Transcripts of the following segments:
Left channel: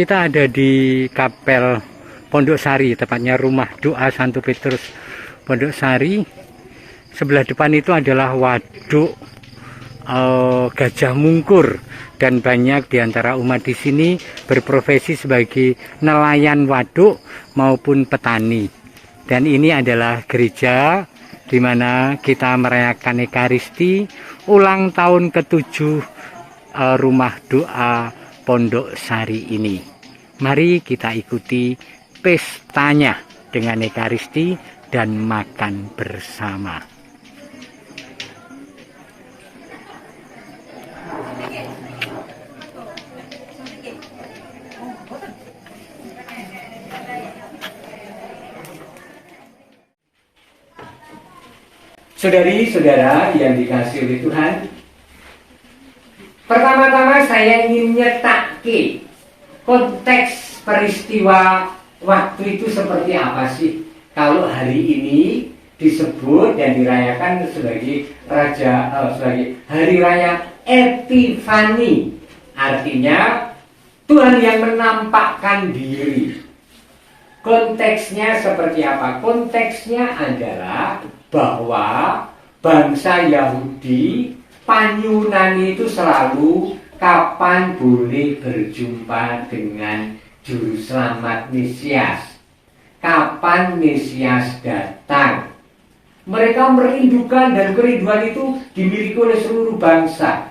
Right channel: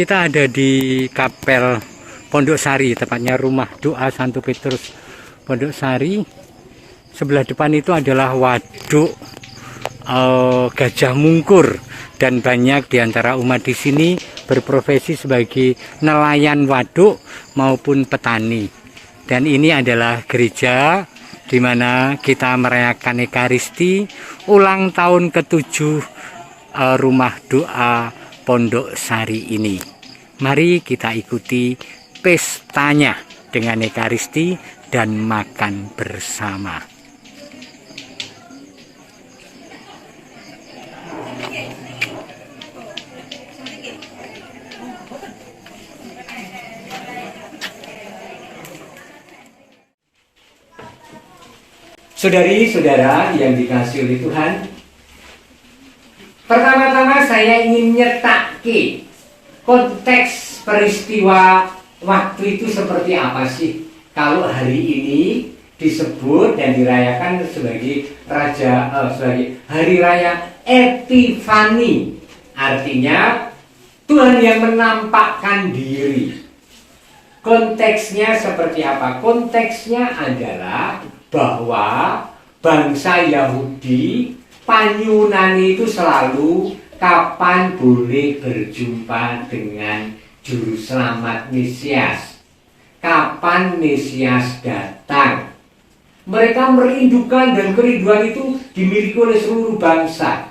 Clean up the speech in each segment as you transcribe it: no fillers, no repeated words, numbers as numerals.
Kita ada di Kapel Pondok Sari, tepatnya rumah doa Santo Petrus Pondok Sari. Sebelah depan itu adalah waduk Gajah Mungkur, dan banyak diantara umat di sini berprofesi sebagai nelayan waduk maupun petani. Dan ini adalah gereja di mana kita merayakan Ekaristi ulang tahun ke-7 rumah doa Pondok Sari ini. Mari kita ikuti pestanya dengan Ekaristi dan makan bersama. Saudari-saudara yang dikasihi oleh Tuhan, pertama-tama saya ingin nyetaki konteks peristiwa waktu itu seperti apa sih kalau hari ini disebut dan dirayakan sebagai sebagai hari raya Epifani, artinya Tuhan yang menampakkan diri. Konteksnya seperti apa? Konteksnya adalah bahwa bangsa Yahudi Panyunani itu selalu kapan boleh berjumpa dengan Juru Selamat Mesias, kapan Mesias datang. Mereka merindukan, dan kerinduan itu dimiliki oleh seluruh bangsa.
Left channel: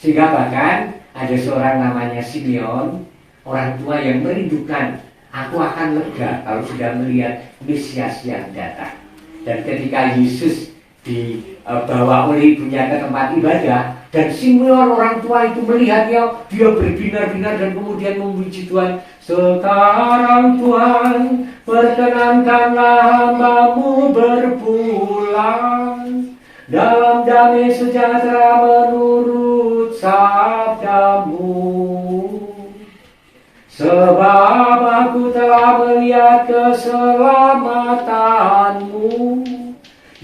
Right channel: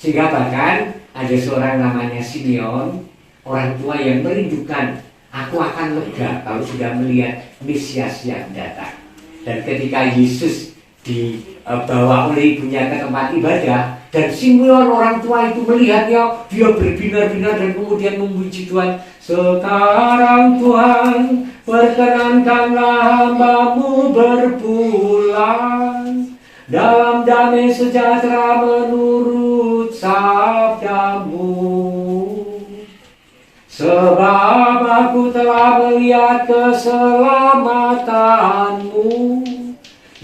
Sehingga bahkan ada seorang namanya Simeon, orang tua yang merindukan, aku akan lega kalau sudah melihat Mesias yang datang. Dan ketika Yesus dibawa oleh ibunya ke tempat ibadah, dan Simeon orang tua itu melihatnya, dia berbinar-binar dan kemudian memuji Tuhan. Sekarang Tuhan, perkenankanlah hamba-Mu berpulang dalam damai sejahtera menurut sabda-Mu. Sebab aku telah melihat keselamatan-Mu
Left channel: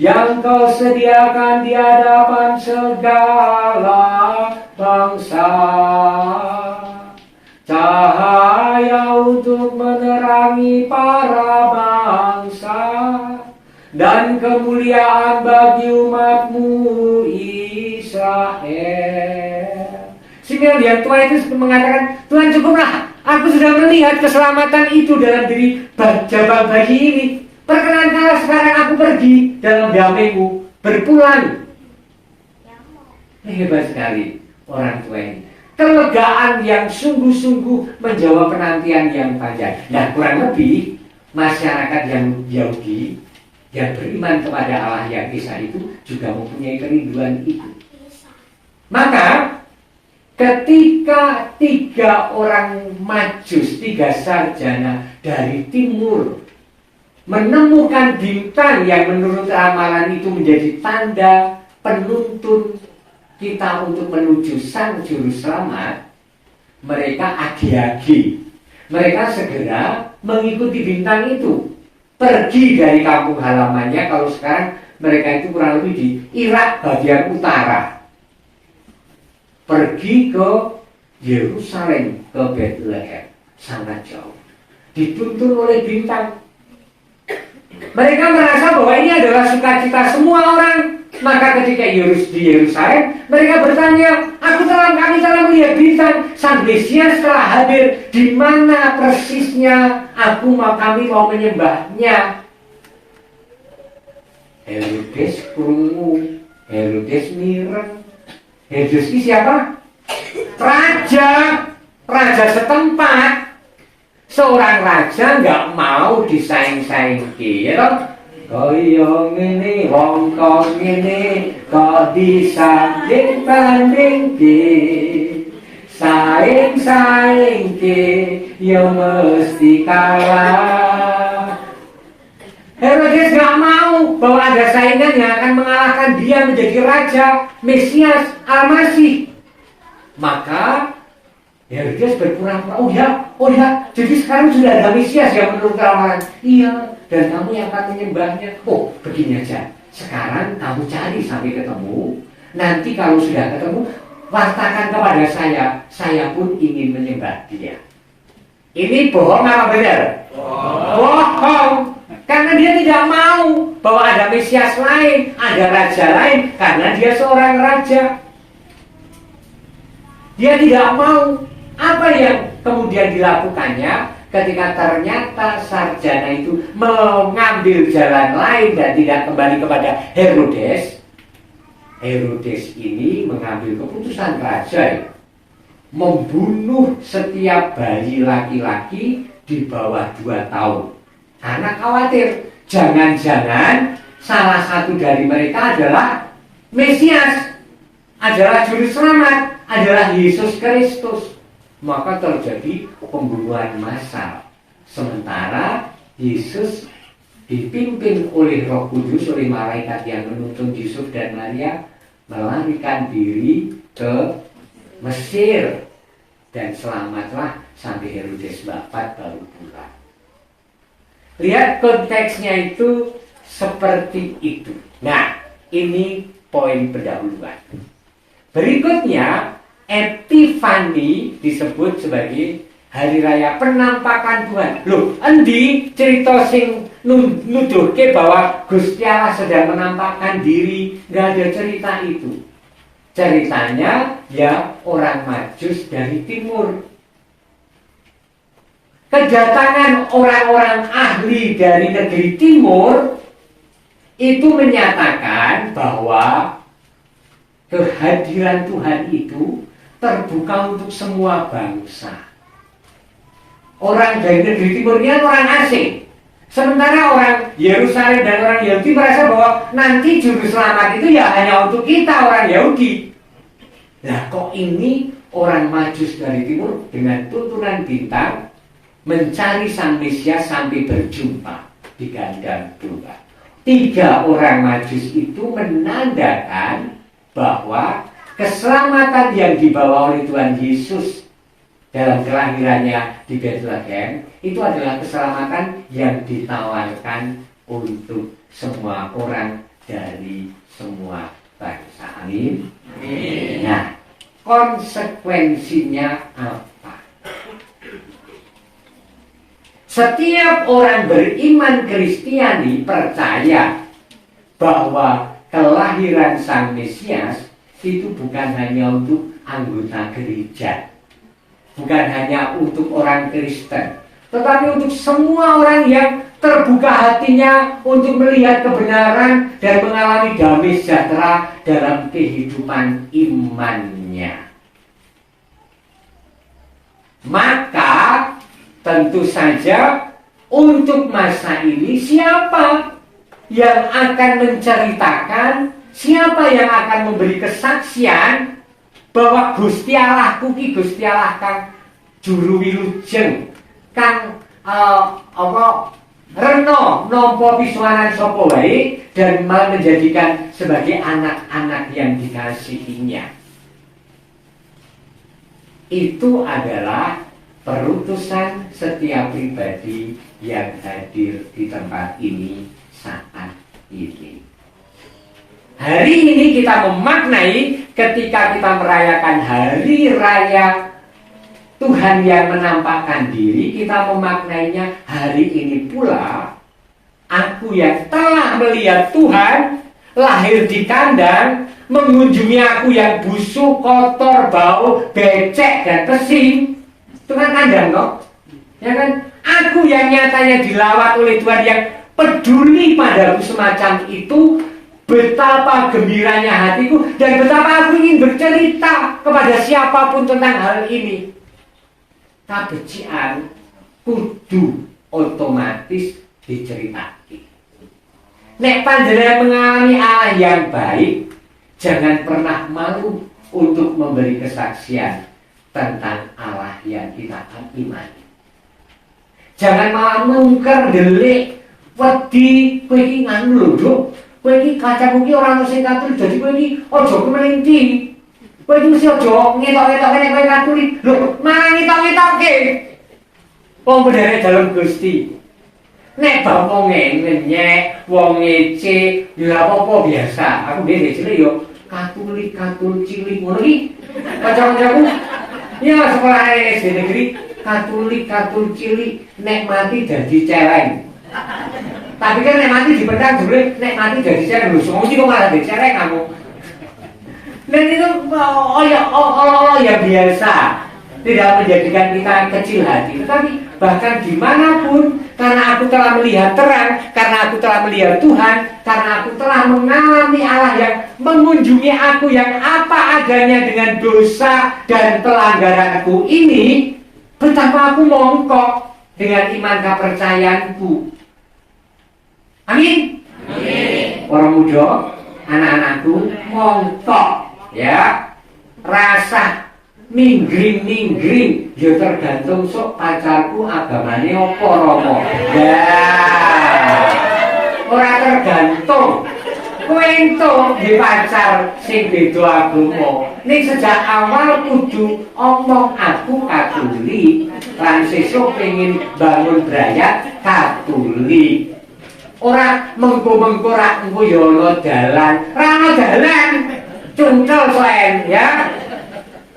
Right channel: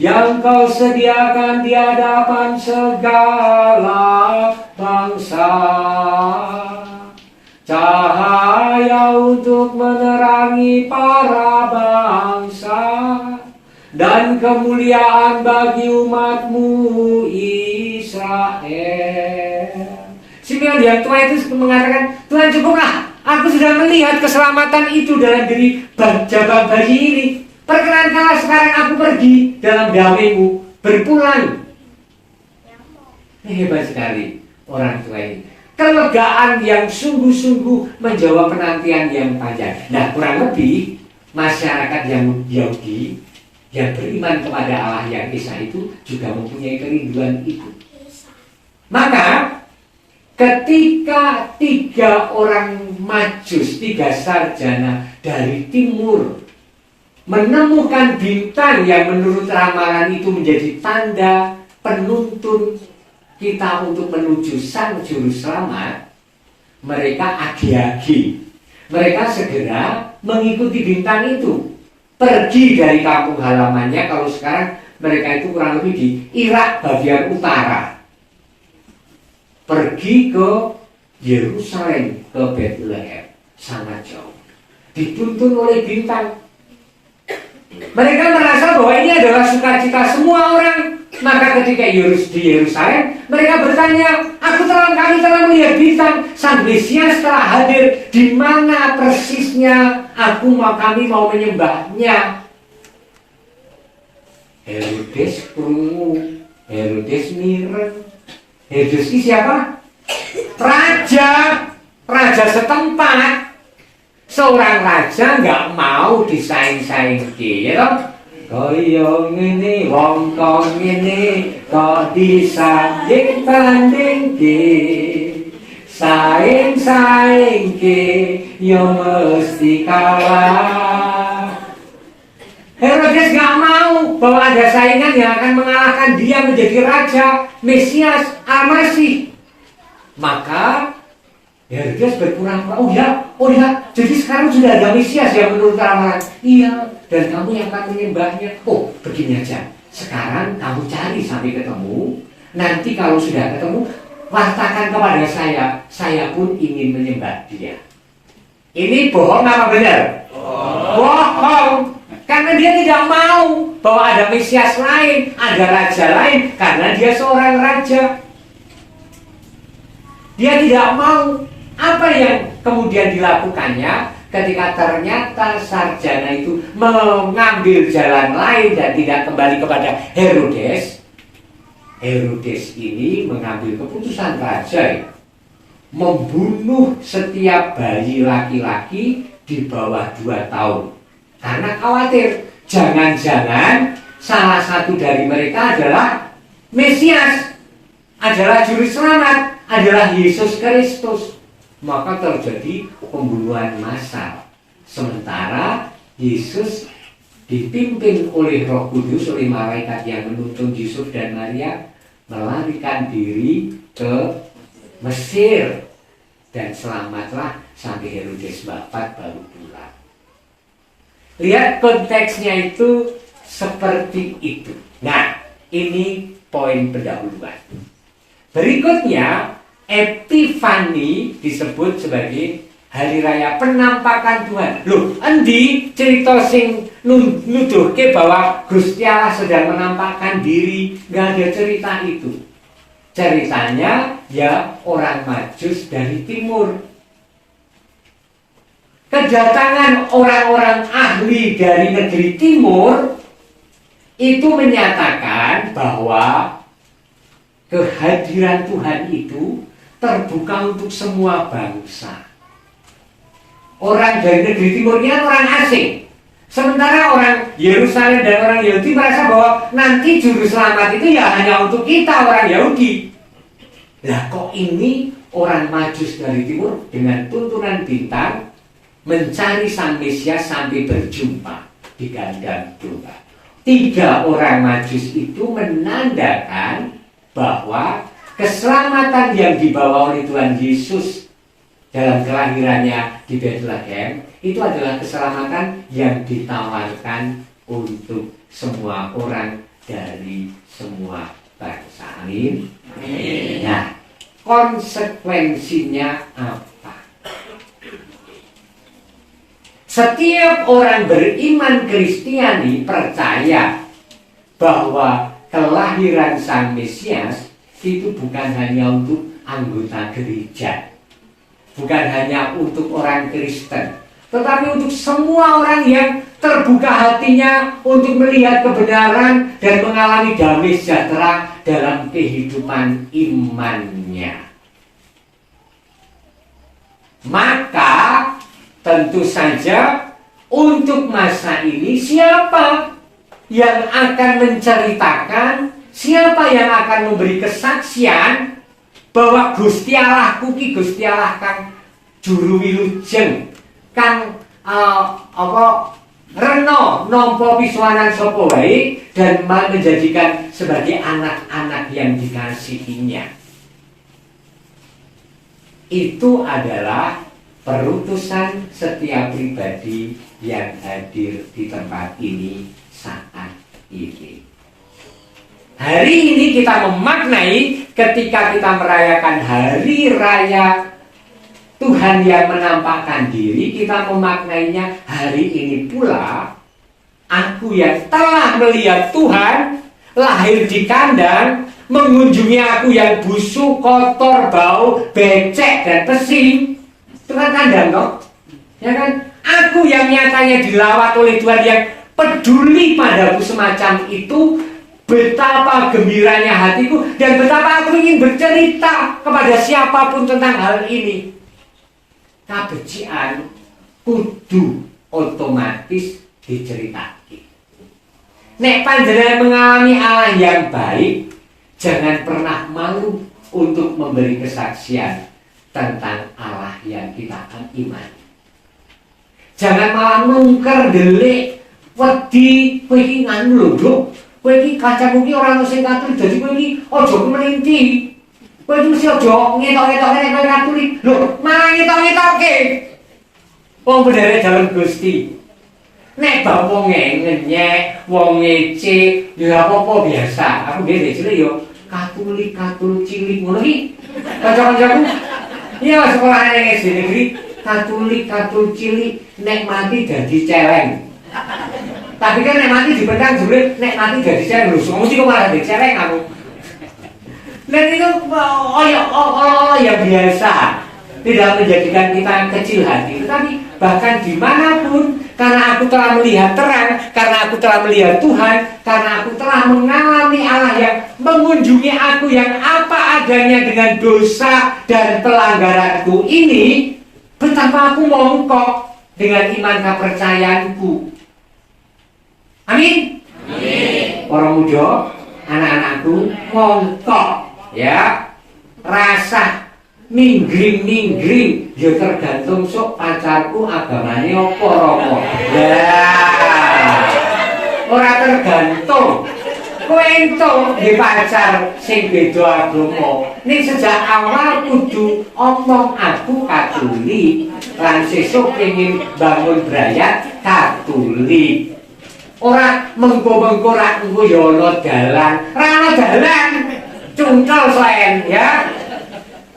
yang Kau sediakan di hadapan segala bangsa, cahaya untuk menerangi para bangsa, dan kemuliaan bagi umat-Mu Israel. Simeon yang tua itu mengatakan, Tuhan cukuplah, aku sudah melihat keselamatan itu dalam diri jabang bayi ini. Perkenankanlah sekarang aku pergi dalam damai-Mu berpulang. Hebat sekali orang tua ini. Kelegaan yang sungguh-sungguh menjawab penantian yang panjang. Nah, kurang lebih masyarakat yang Yahudi yang beriman kepada Allah yang Esa itu juga mempunyai kerinduan itu. Maka ketika 3 orang Majus, 3 sarjana dari timur menemukan bintang yang menurut ramalan itu menjadi tanda penuntun kita untuk menuju Sang Juru Selamat, mereka agi-agi. Mereka segera mengikuti bintang itu, pergi dari kampung halamannya. Kalau sekarang mereka itu kurang lebih di Irak bagian utara, pergi ke Yerusalem, ke Bethlehem, sangat jauh, dituntun oleh bintang. Mereka merasa bahwa ini adalah sukacita semua orang. Maka ketika di Yerusalem, mereka bertanya, kami telah melihat bintang, Sang Mesias telah hadir. Di mana persisnya? Kami mau menyembahnya. Herodes krungu, Herodes mireng. Herodes ini siapa? Raja setempat. Seorang raja nggak mau disaing-saingki, ya toh? Koyong ini, wongkong ini, kok disanding-tandingki, saing-saingki, ya mesti kalah. Herodes nggak mau bahwa ada saingan yang akan mengalahkan dia menjadi raja, Mesias, Al-Masih. Maka Herodes berpura-pura, oh ya, jadi sekarang sudah ada Mesias yang menurut ramalan. Iya, dan kamu yang akan menyembahnya. Oh, begini aja, sekarang kamu cari sampai ketemu. Nanti kalau sudah ketemu, wartakan kepada saya pun ingin menyembah dia. Ini bohong apa benar? Bohong. Karena dia tidak mau bahwa ada Mesias lain, ada raja lain, karena dia seorang raja. Dia tidak mau. Apa yang kemudian dilakukannya ketika ternyata sarjana itu mengambil jalan lain dan tidak kembali kepada Herodes? Herodes ini mengambil keputusan raja, membunuh setiap bayi laki-laki di bawah 2 tahun. Karena khawatir, jangan-jangan salah satu dari mereka adalah Mesias, adalah juru selamat, adalah Yesus Kristus. Maka terjadi pembunuhan massal. Sementara Yesus dipimpin oleh Roh Kudus, oleh malaikat yang menuntun Yusuf dan Maria, melarikan diri ke Mesir. Dan selamatlah sampai Herodes wafat baru pulang. Lihat konteksnya itu seperti itu. Nah, ini poin pendahuluan. Berikutnya, Epifani disebut sebagai hari raya penampakan Tuhan. Loh, endi cerita sing nuduhke bahwa Gusti Allah sedang menampakkan diri? Nggak ada cerita itu. Ceritanya ya orang Majus dari timur. Kedatangan orang-orang ahli dari negeri timur itu menyatakan bahwa kehadiran Tuhan itu terbuka untuk semua bangsa. Orang dari negeri timur ini orang asing. Sementara orang Yerusalem dan orang Yahudi merasa bahwa nanti juru selamat itu ya hanya untuk kita orang Yahudi. Nah kok ini orang Majus dari timur dengan tuntunan bintang mencari sang Mesias sampai berjumpa di kandang domba. 3 orang Majus itu menandakan bahwa keselamatan yang dibawa oleh Tuhan Yesus dalam kelahirannya di Bethlehem itu adalah keselamatan yang ditawarkan untuk semua orang dari semua bangsa. Amin. Nah, konsekuensinya apa? Setiap orang beriman Kristiani percaya bahwa kelahiran Sang Mesias itu bukan hanya untuk anggota gereja, bukan hanya untuk orang Kristen, tetapi untuk semua orang yang terbuka hatinya untuk melihat kebenaran dan mengalami damai sejahtera dalam kehidupan imannya. Maka tentu saja untuk masa ini siapa yang akan menceritakan, siapa yang akan memberi kesaksian bahwa Gusti Allah kuki Gusti Allah kang juru wilujeng kang reno nampa pisuanan sapa wae dan menjadikan sebagai anak-anak yang dikasihinya. Itu adalah perutusan setiap pribadi yang hadir di tempat ini saat ini. Hari ini kita memaknai ketika kita merayakan hari raya Tuhan yang menampakkan diri, kita memaknainya hari ini pula aku yang telah melihat Tuhan lahir di kandang, mengunjungi aku yang busuk, kotor, bau, becek dan pesing. Itu kan kandang, no? Ya kan? Aku yang nyatanya dilawat oleh Tuhan yang peduli padaku semacam itu. Betapa gembiranya hatiku dan betapa aku ingin bercerita kepada siapapun tentang hal ini. Kabecikan kudu otomatis diceritake. Nek panjenengan mengalami Allah yang baik, jangan pernah malu untuk memberi kesaksian tentang Allah yang kita imani. Jangan malah mungker delik wedi kowe iki nganu lho, kowe iki kacamu ki ora mesti Katolik, dadi kowe iki aja kemelinti. Kowe iki mesti aja ngetok-ngetoke nek kowe Katolik. Lho, malah ngetok-ngetoke. Wong bener dalem Gusti. Nek bab wong ngenyek, wong ngece, ya apa-apa biasa. Aku dhewe cilik yo Katolik cilik ngono iki. Kanca-kancaku ya sekolah SD negeri Katulik cilik nek mati dadi celeng. Tapi kan nek mati dipendang jebule nek mati dadi celeng lho, mesti kok malah dadi celeng kamu. Dan itu ya biasa, tidak menjadikan kita kecil hati. Tetapi bahkan dimanapun, karena aku telah melihat terang, karena aku telah melihat Tuhan, karena aku telah mengalami Allah yang mengunjungi aku yang apa adanya dengan dosa dan pelanggaranku ini, betapa aku mongkok dengan iman kepercayaanku. Amin. Amin. Orang muda, anak-anakku mongkok. Ya, rasa minggring ya tergantung sok pacarku agamane apa romo. Ya, ora tergantung. Kowe entuk di pacar sing beda agama. Ning sejak awal kudu omong aku Katolik, lan sesuk pengin bangun brayat Katolik. Ora mengko-mengko ra engko ya ana dalan, ra ana dalan. Cungkel soen ya,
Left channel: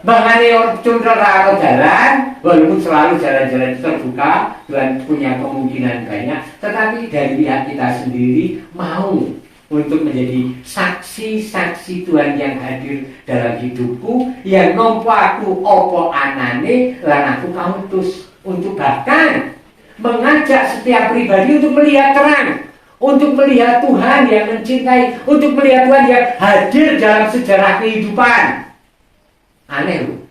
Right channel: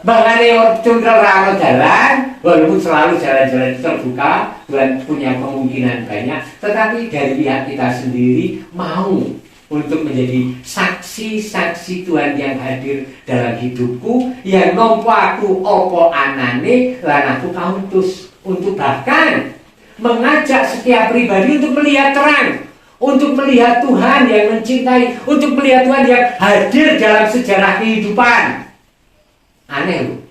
bahkan cungkel rano jalan, walaupun selalu jalan-jalan terbuka dan punya kemungkinan banyak, tetapi dari pihak kita sendiri mau untuk menjadi saksi-saksi Tuhan yang hadir dalam hidupku, yang nompo aku opo anane lan aku kautus untuk bahkan mengajak setiap pribadi untuk melihat terang, untuk melihat Tuhan yang mencintai, untuk melihat Tuhan yang hadir dalam sejarah kehidupan. Aneh loh.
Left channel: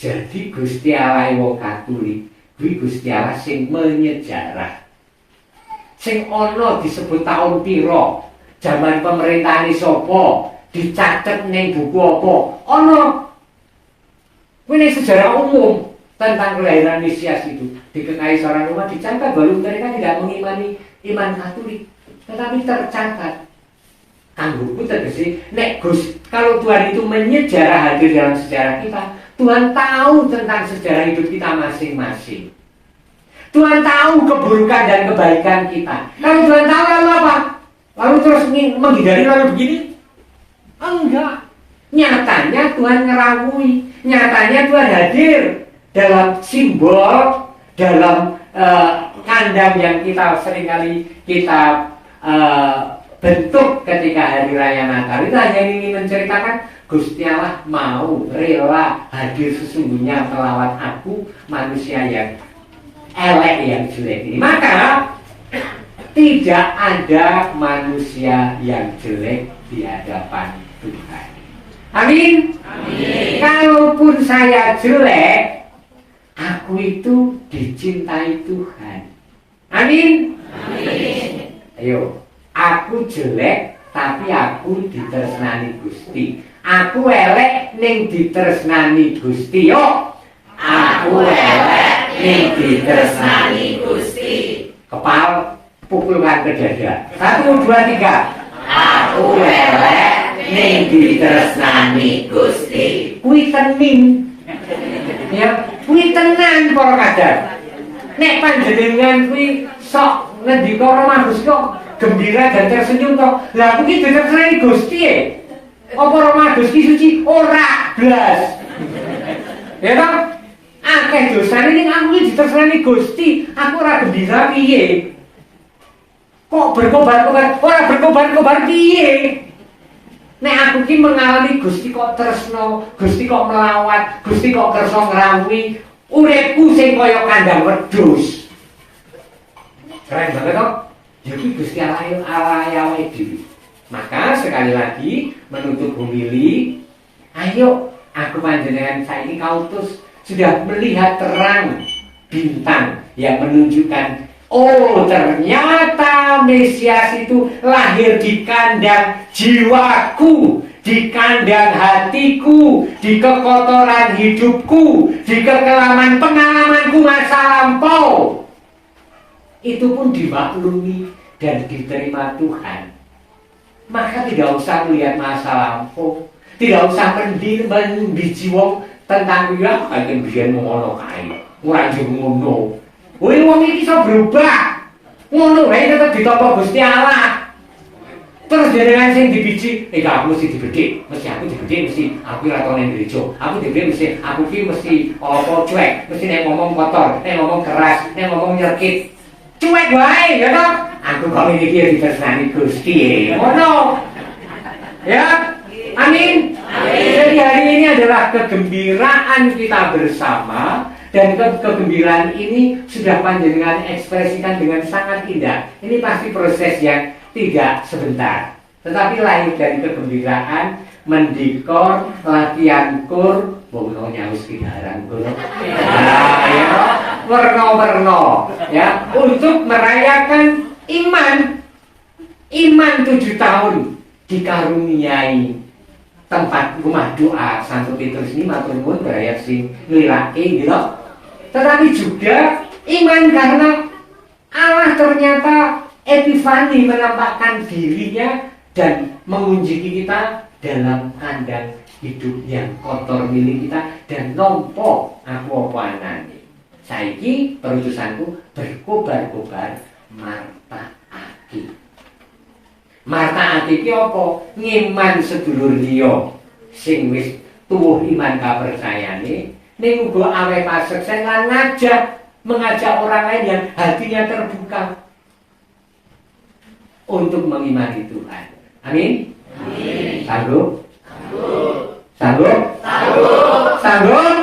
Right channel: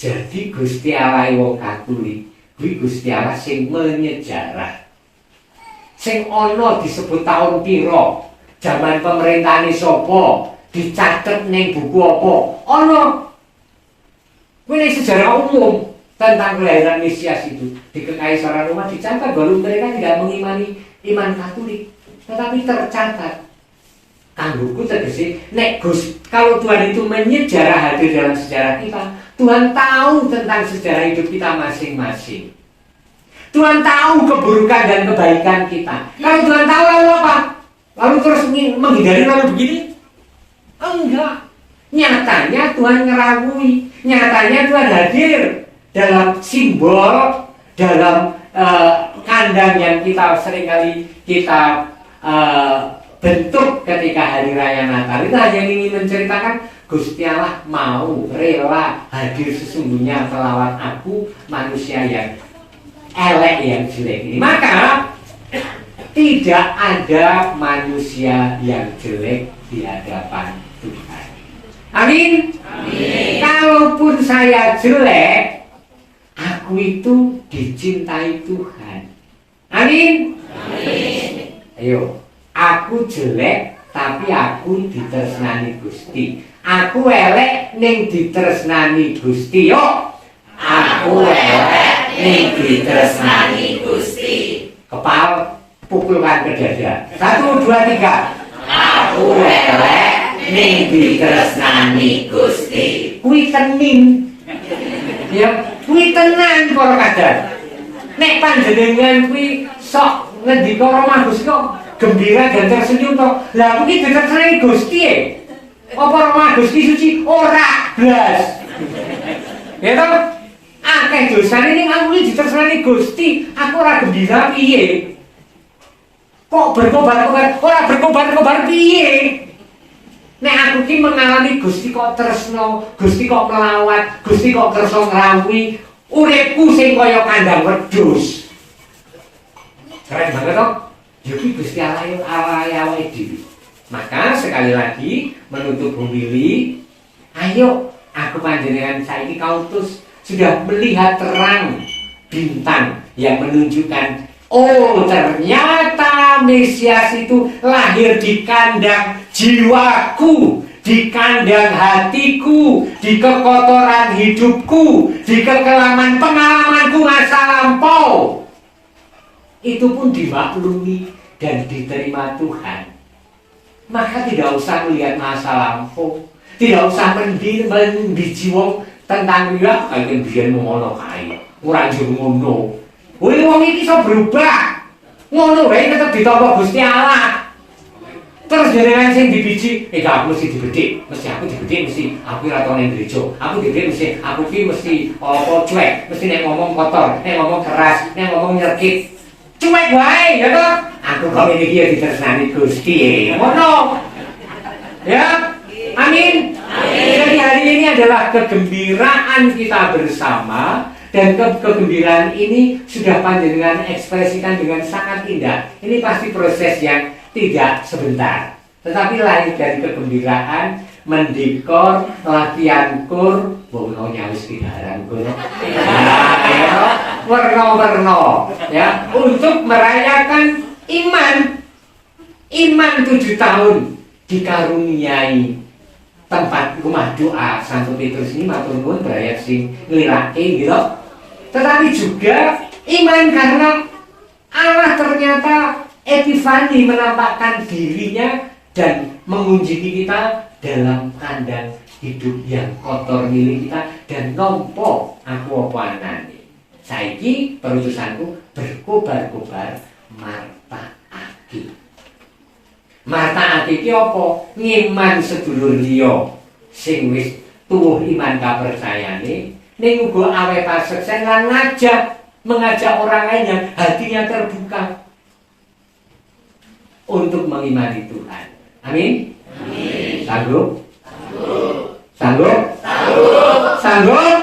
Jadi Gusti Allah wong Katolik, kuwi Gusti Allah sing menyejarah. Sing ana disebut tahun piro, zaman pemerintahane sapa, dicatet ning buku apa. Ana. Kuwi sejarah umum tentang kelahiran Mesias itu. Di Kekaisaran Roma dicatat bahwa mereka tidak mengimani iman Katolik. Tetapi tercatat, kanggoku tegese, nek Gus, kalau Tuhan itu menyejarah hadir dalam sejarah kita, Tuhan tahu tentang sejarah hidup kita masing-masing. Tuhan tahu keburukan dan kebaikan kita. Kalau Tuhan tahu lalu apa? Lalu terus menghindari lalu begini? Enggak. Nyatanya Tuhan ngerawui, nyatanya Tuhan hadir dalam simbol, dalam kandang yang kita seringkali kita bentuk ketika hari raya Natal. Itu hanya ingin menceritakan Gusti Allah mau rela hadir sesungguhnya melawat aku manusia yang elek yang jelek ini. Maka tidak ada manusia yang jelek di hadapan Tuhan. Amin. Amin. Kalaupun saya jelek, aku itu dicintai Tuhan. Amin. Amin. Ayo, aku jelek tapi aku ditresnani Gusti. Aku elek ning ditresnani Gusti. Yo, aku elek ning ditresnani Gusti. Kepal pukulkan ke dada. 1, 2, 3. Aku elek ning ditresnani Gusti. Kuwi tening. Ya, kuwi tenan para kadang. Nek panjenengan kuwi sok ngendika Roma Gusti kok gembira dan tersenyum toh. Lah kuwi ditresnani Gusti e. Apa Roma Gusti suci ora blas. Ya toh? Akeh dosane ning aku iki ditresnani Gusti, aku ora gembira piye? Kok berkobar-kobar, ora berkobar-kobar piye? Nek aku ki mengalami Gusti kok tresno, Gusti kok melawat, Gusti kok kersa ngrawuhi uripku sing kaya kandang wedhus. Keren banget toh? Jadi Gusti Allah awake dhewe. Maka sekali lagi menutup homili, ayo aku panjenengan saiki kautus sudah melihat terang bintang yang menunjukkan oh ternyata Mesias itu lahir di kandang jiwaku, di kandang hatiku, di kekotoran hidupku, di kekelaman pengalamanku masa lampau. Itu pun dimaklumi dan diterima Tuhan. Maka tidak usah melihat masa lampau, tidak usah membiji wong tentang dia kayak biyen ngono kae. Ora njur ngono. Wong iki iso berubah. Ngono wae tetep ditampa Gusti Allah. Terus jenengan sing dibiji, aku mesti dibedik, mesti aku dibedik, mesti aku ora tau ning gereja. Aku dibedik mesti aku ki mesti apa cuek, mesti nek ngomong kotor, nek ngomong keras, nek ngomong nyelkit. Cuek wae ya toh. Aku kok iki ya ditersani Gusti. Ngono. Ya. Amin. Jadi hari ini adalah kegembiraan kita bersama. Dan kegembiraan ini sudah panjenengan ekspresikan dengan sangat indah. Ini pasti proses yang tidak sebentar, tetapi lahir dari kegembiraan, mendekor, latihan kur, bono nyawis kidaran kono, warna-warna, ya, untuk merayakan iman 7 tahun dikaruniai tempat rumah doa Santo Petrus ini matur nuwun berayat sing nglirake gitu. Tetapi juga iman karena Allah ternyata Epifani menampakkan dirinya dan mengunjungi kita dalam kandang hidup yang kotor milik kita dan nompo aku opanane. Saiki perutusanku berkobar-kobar marta ati. Marta ati iki apa? Ngiman sedulur liya sing wis tuwuh iman kapercayane ning uga awe paseksen lan mengajak orang lain yang hatinya terbuka untuk mengimani Tuhan. Amin. Amin. Sanggup? Sanggup? Sanggup? Sanggup?